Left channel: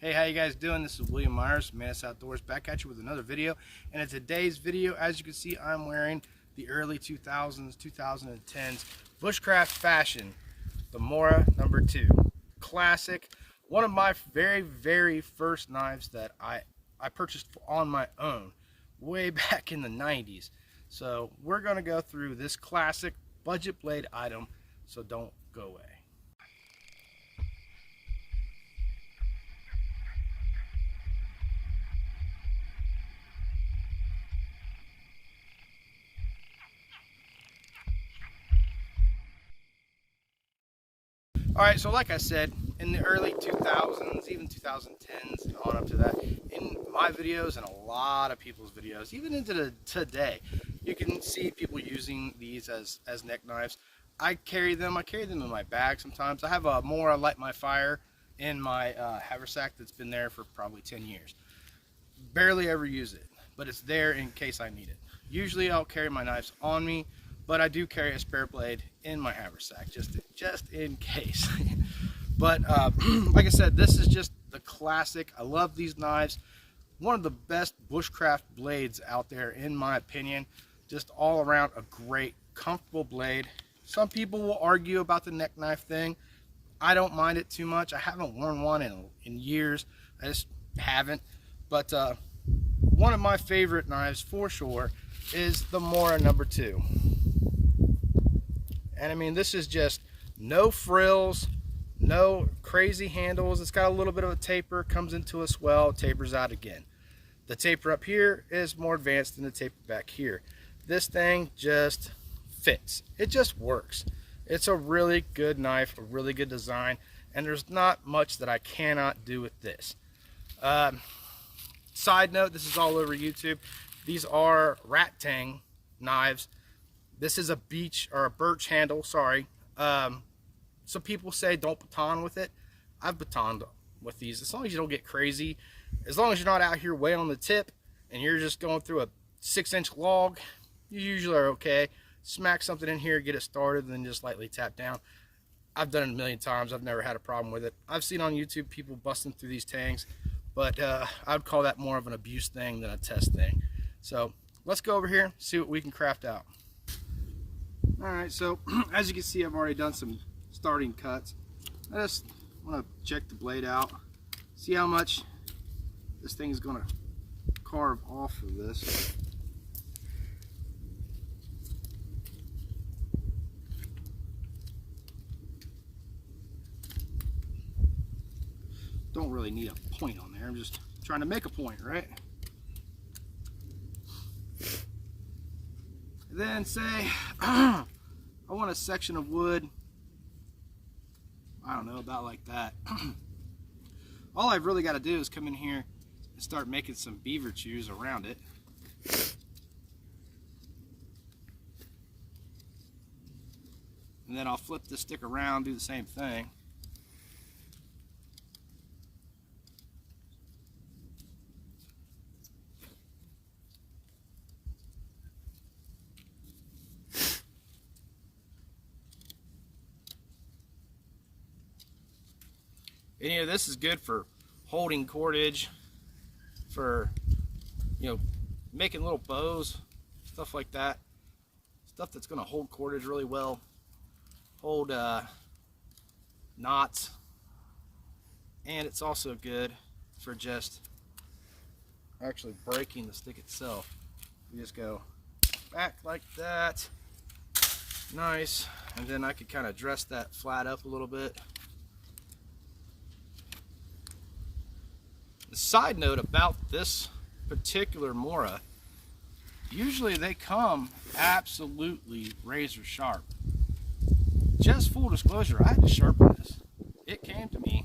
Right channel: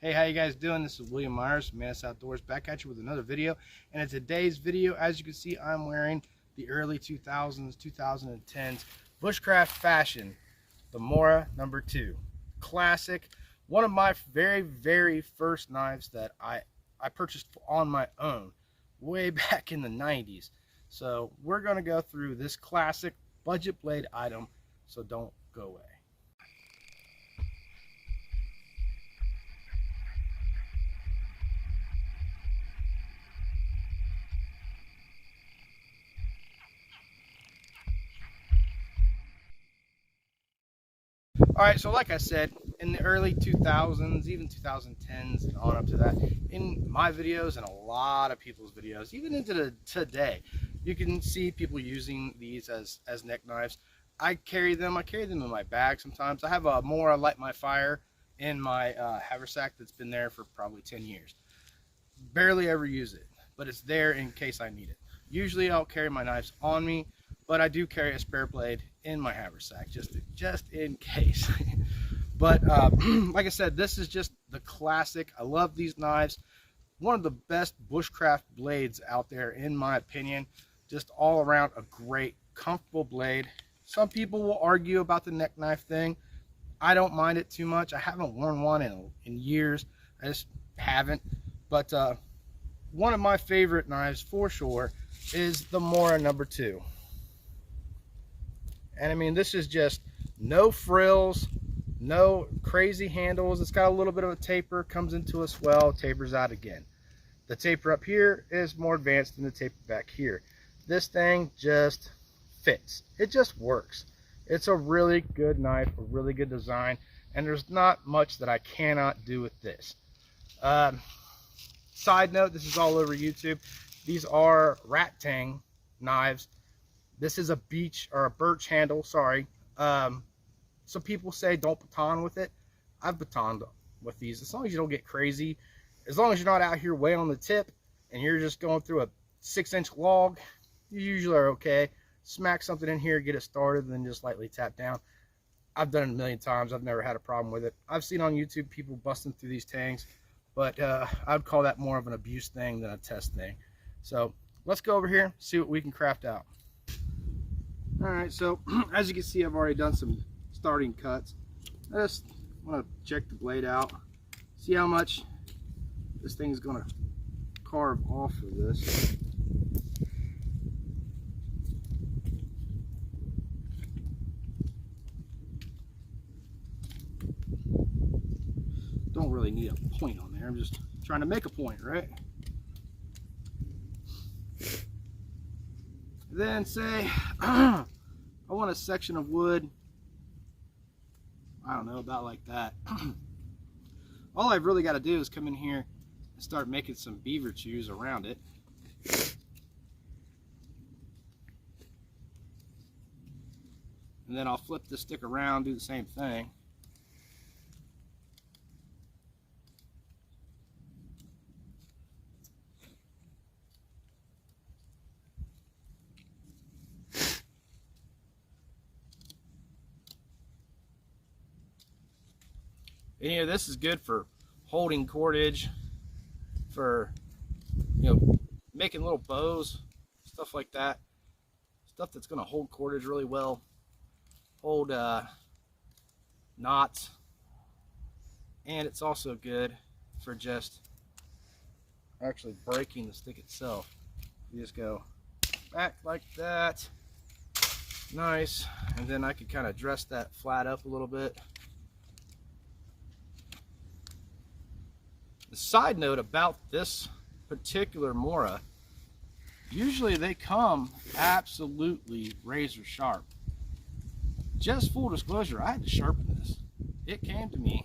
Hey, how you guys doing? This is William Myers from Mantis Outdoors, back at you with another video. And in today's video, as you can see, I'm wearing the early 2000s, 2010s Bushcraft fashion, the Mora #2. Classic. One of my very first knives that I purchased on my own way back in the 90s. So we're going to go through this classic budget blade item, so don't go away. Alright, so like I said, in the early 2000s, even 2010s and on up to that, in my videos and a lot of people's videos, even into today, you can see people using these as neck knives. I carry them in my bag sometimes. I have a Mora Light My Fire in my haversack that's been there for probably 10 years. Barely ever use it, but it's there in case I need it. Usually I'll carry my knives on me, but I do carry a spare blade in my haversack just in case. But like I said, this is just the classic. I love these knives. One of the best bushcraft blades out there, in my opinion. Just all around a great, comfortable blade. Some people will argue about the neck knife thing. I don't mind it too much. I haven't worn one in years. I just haven't. But one of my favorite knives for sure is the Mora #2. And I mean, this is just no frills, no crazy handles. It's got a little bit of a taper, comes into a swell, tapers out again. The taper up here is more advanced than the taper back here. This thing just fits. It just works. It's a really good knife, a really good design, and there's not much that I cannot do with this. Side note, this is all over YouTube. These are rat tang knives. This is a beech or a birch handle, sorry. Some people say don't baton with it. I've batoned with these. As long as you don't get crazy, as long as you're not out here way on the tip and you're just going through a 6-inch log, you usually are okay. Smack something in here, get it started, and then just lightly tap down. I've done it a million times. I've never had a problem with it. I've seen on YouTube people busting through these tangs, but I'd call that more of an abuse thing than a test thing. So let's go over here, see what we can craft out. Alright, so as you can see, I've already done some starting cuts. I just want to check the blade out, see how much this thing is going to carve off of this. Don't really need a point on there, I'm just trying to make a point, right? Then say I want a section of wood, I don't know, about like that. All I've really got to do is come in here and start making some beaver chews around it. And then I'll flip the stick around, do the same thing. And you know, this is good for holding cordage, for, you know, making little bows, stuff like that. Stuff that's going to hold cordage really well, hold knots, and it's also good for just actually breaking the stick itself. You just go back like that, nice, and then I could kind of dress that flat up a little bit. The side note about this particular Mora, usually they come absolutely razor sharp. Just full disclosure, I had to sharpen this. It came to me,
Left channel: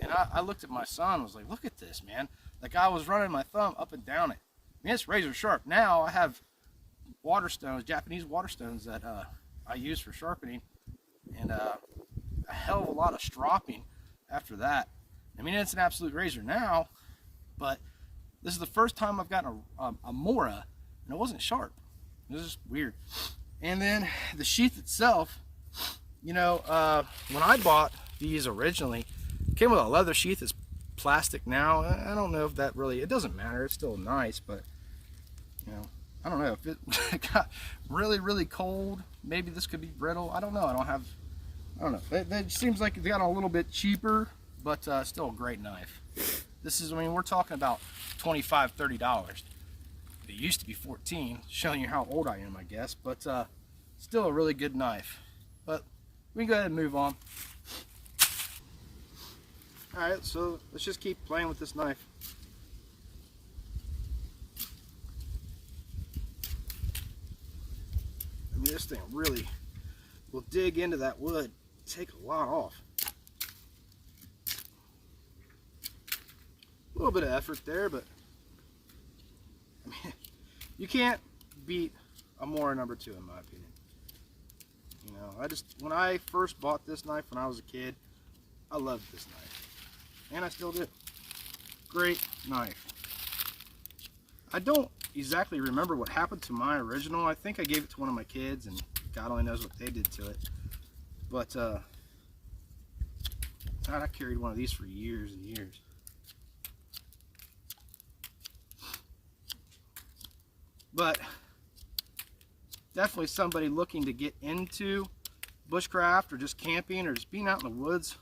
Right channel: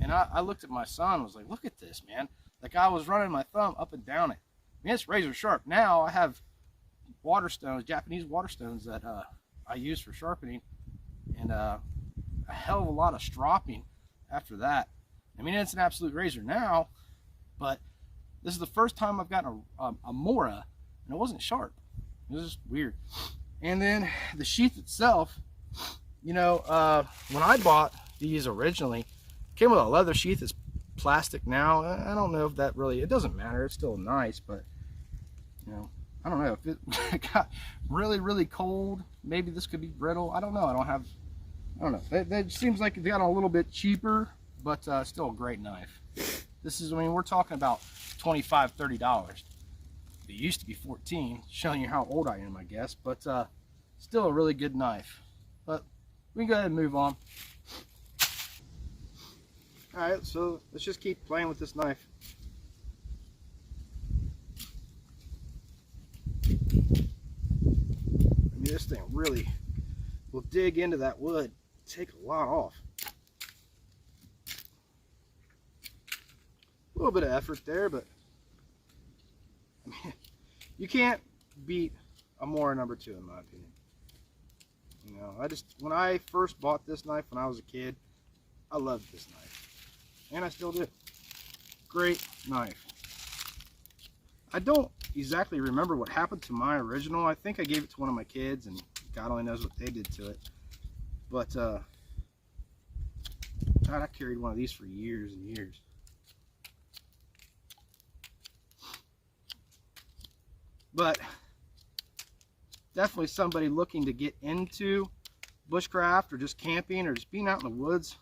and I looked at my son and was like, look at this, man. Like, I was running my thumb up and down it. I mean, it's razor sharp. Now I have water stones, Japanese water stones that I use for sharpening, and a hell of a lot of stropping after that. I mean, it's an absolute razor now, but this is the first time I've gotten a Mora, and it wasn't sharp. It was just weird. And then the sheath itself, you know, when I bought these originally, it came with a leather sheath. It's plastic now. I don't know if that really, it doesn't matter. It's still nice, but you know, I don't know if it got really cold. Maybe this could be brittle. I don't know. I don't know. It seems like it got a little bit cheaper, but still a great knife. This is, I mean, we're talking about $25, $30. It used to be 14, showing you how old I am, I guess, but still a really good knife. But we can go ahead and move on. All right, so let's just keep playing with this knife. I mean, this thing really will dig into that wood, take a lot off. A little bit of effort there, but I mean, you can't beat a Mora number 2 in my opinion. You know, when I first bought this knife when I was a kid, I loved this knife, and I still do. Great knife. I don't exactly remember what happened to my original. I think I gave it to one of my kids, and God only knows what they did to it. But God, I carried one of these for years and years. But definitely somebody looking to get into bushcraft or just camping or just being out in the woods,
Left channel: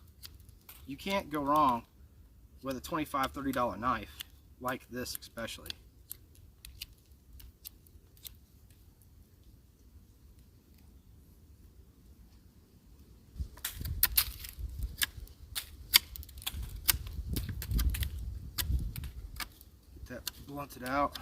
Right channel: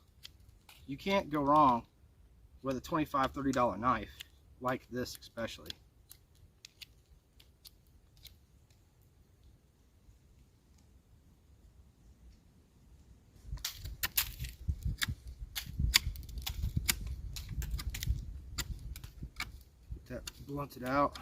you can't go wrong with a $25, $30 knife like this especially. Get that blunted out.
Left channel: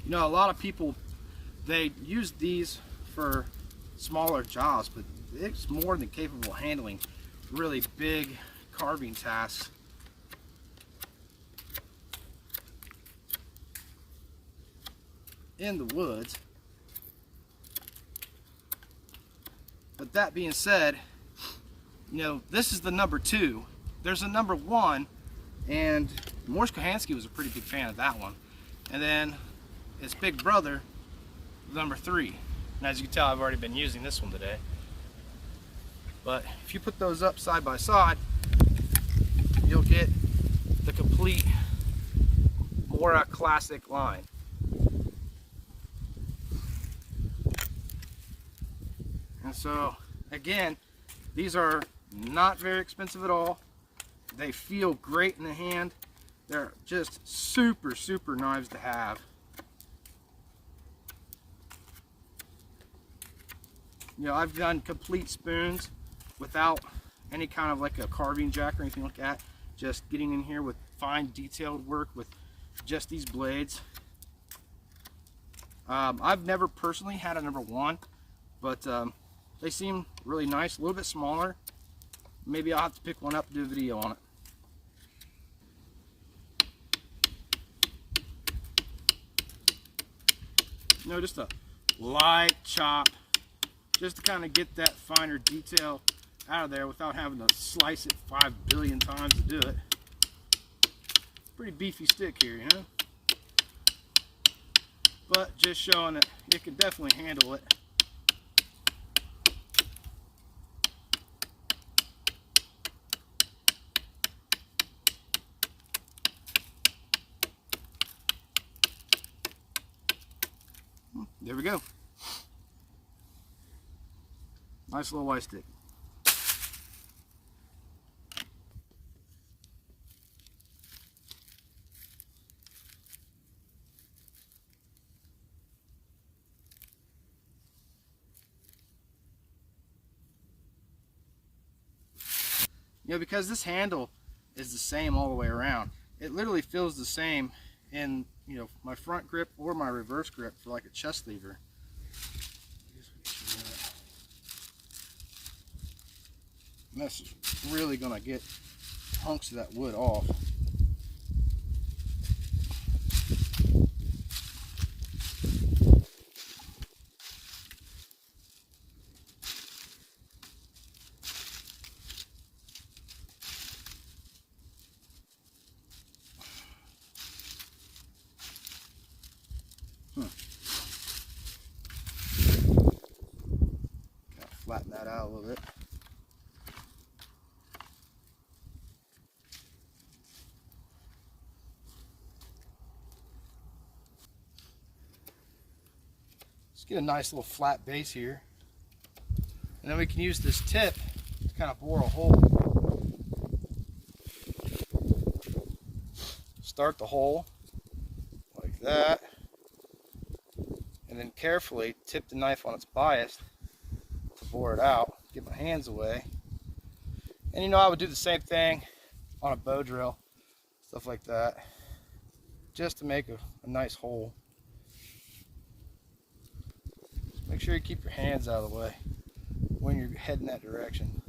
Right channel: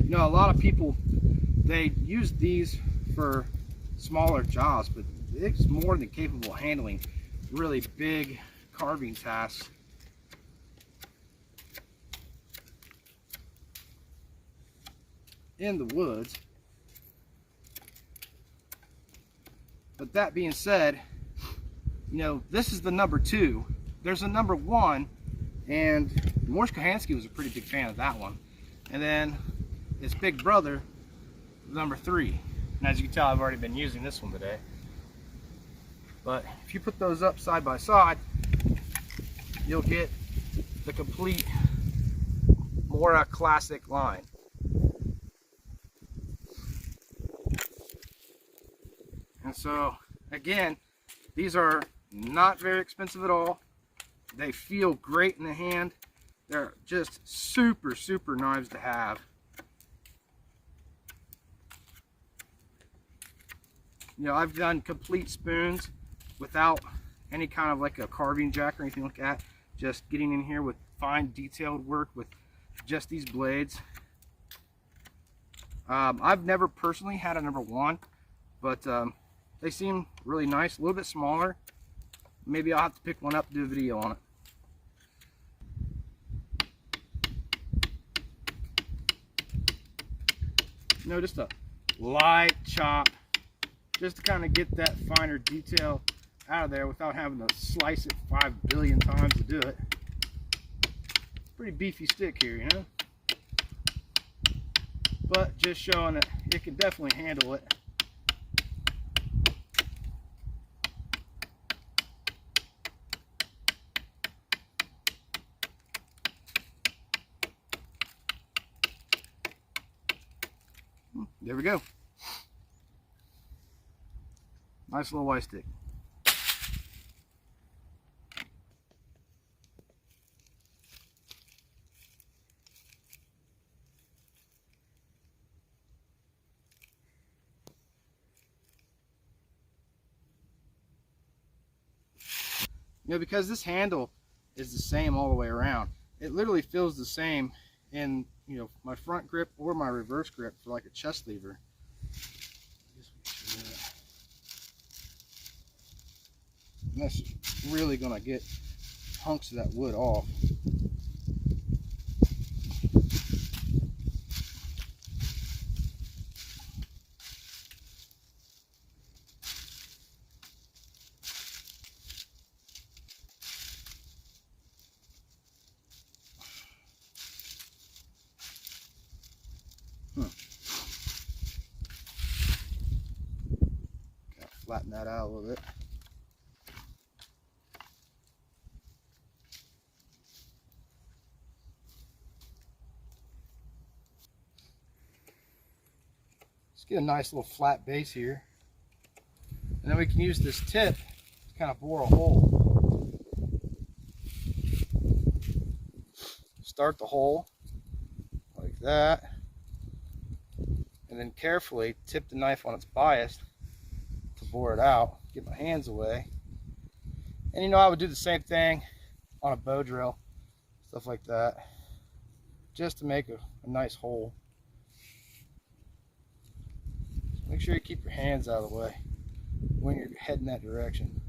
You know, a lot of people, they use these for smaller jobs, but it's more than capable of handling really big carving tasks. In the woods. But that being said, you know, this is the number 2. There's a number 1, and Morris Kohansky was a pretty big fan of that one. And then its big brother, number 3. And as you can tell, I've already been using this one today. But if you put those up side by side, you'll get the complete Mora classic line. And so, again, these are not very expensive at all. They feel great in the hand. They're just super knives to have. You know, I've done complete spoons without any kind of like a carving jack or anything like that. Just getting in here with fine detailed work with just these blades. I've never personally had a number 1, but they seem really nice, a little bit smaller. Maybe I'll have to pick one up and do a video on it. You know, just a light chop, just to kind of get that finer detail out of there without having to slice it 5 billion times to do it. Pretty beefy stick here, you know? But just showing that it can definitely handle it. There we go. Nice little white stick. You know, because this handle is the same all the way around, it literally feels the same in, you know, my front grip or my reverse grip for like a chest lever. And that's really gonna get hunks of that wood off. Kind of flatten that out a little bit. Let's get a nice little flat base here. And then we can use this tip to kind of bore a hole. Start the hole like that. And then carefully tip the knife on its bias to bore it out. Get my hands away. And you know, I would do the same thing on a bow drill, stuff like that, just to make a nice hole. Make sure you keep your hands out of the way when you're heading that direction.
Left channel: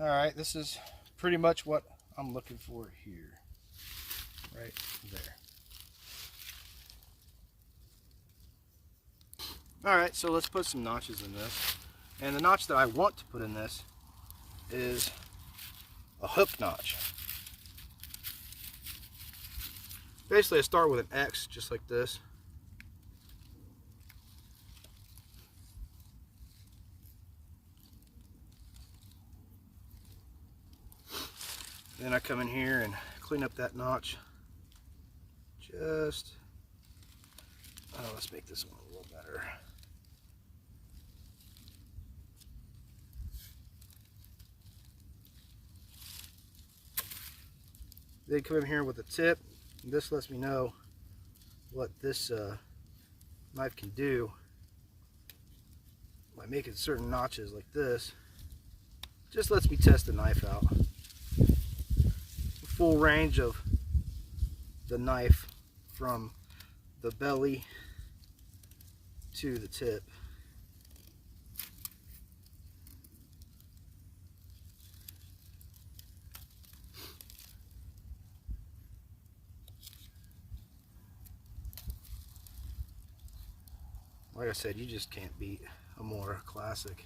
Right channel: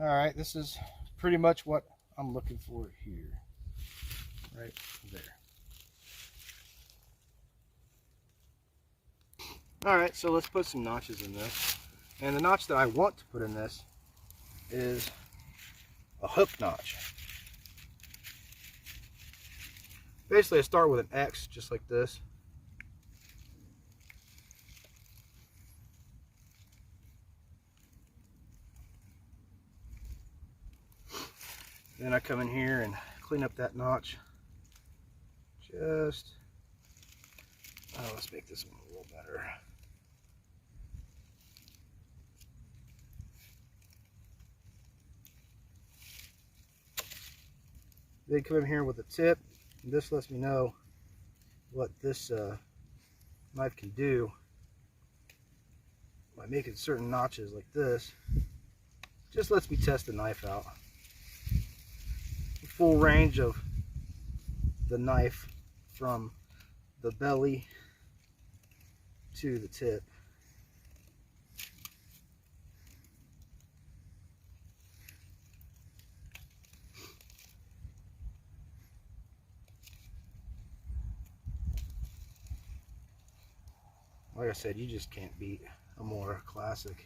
All right, this is pretty much what I'm looking for here, right there. All right, so let's put some notches in this. And the notch that I want to put in this is a hook notch. Basically, I start with an X, just like this. Then I come in here and clean up that notch. Let's make this one a little better. Then come in here with a tip. And this lets me know what this knife can do by making certain notches like this. Just lets me test the knife out. Full range of the knife from the belly to the tip. Like I said, you just can't beat a Mora Classic.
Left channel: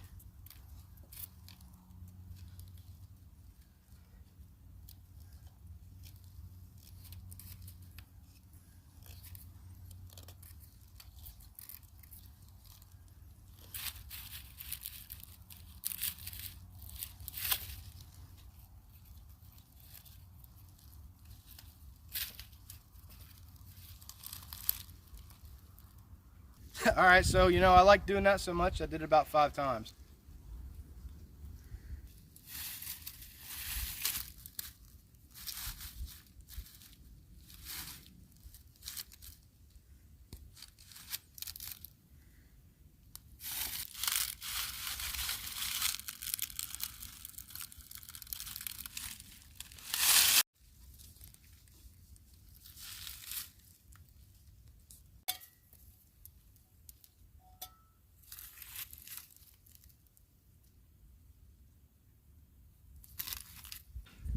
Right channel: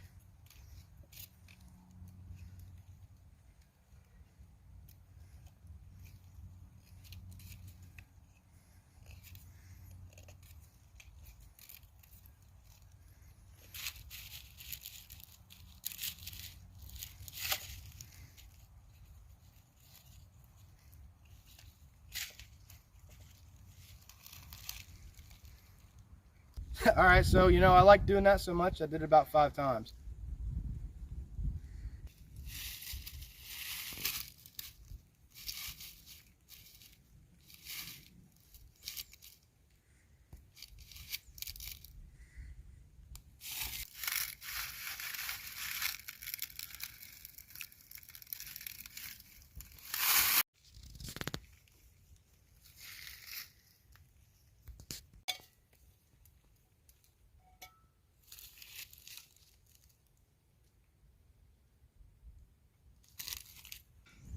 All right, so you know, I like doing that so much, I did it about 5 times.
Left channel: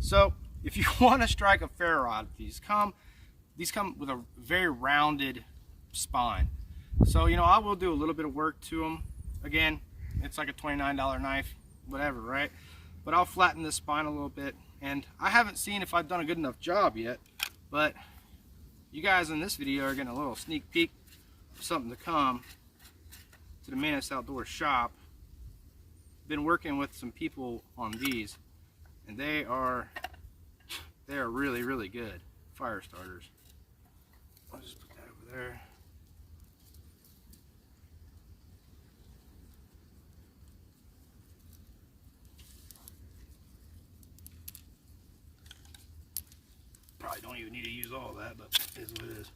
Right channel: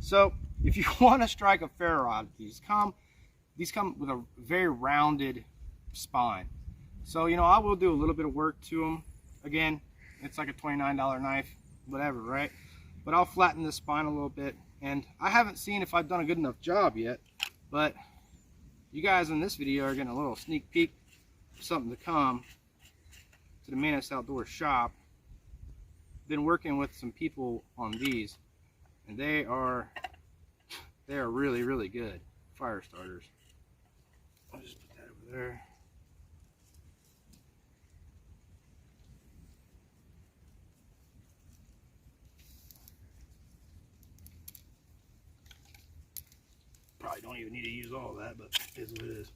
So if you want to strike a ferro rod, these come with a very rounded spine. So you know, I will do a little bit of work to them. Again, it's like a $29 knife, whatever, right? But I'll flatten this spine a little bit, and I haven't seen if I've done a good enough job yet, but you guys in this video are getting a little sneak peek of something to come to the Mantis Outdoor shop. Been working with some people on these, and they are really, really good fire starters. I'll just put that over there. Probably don't even need to use all that, but it is what it is.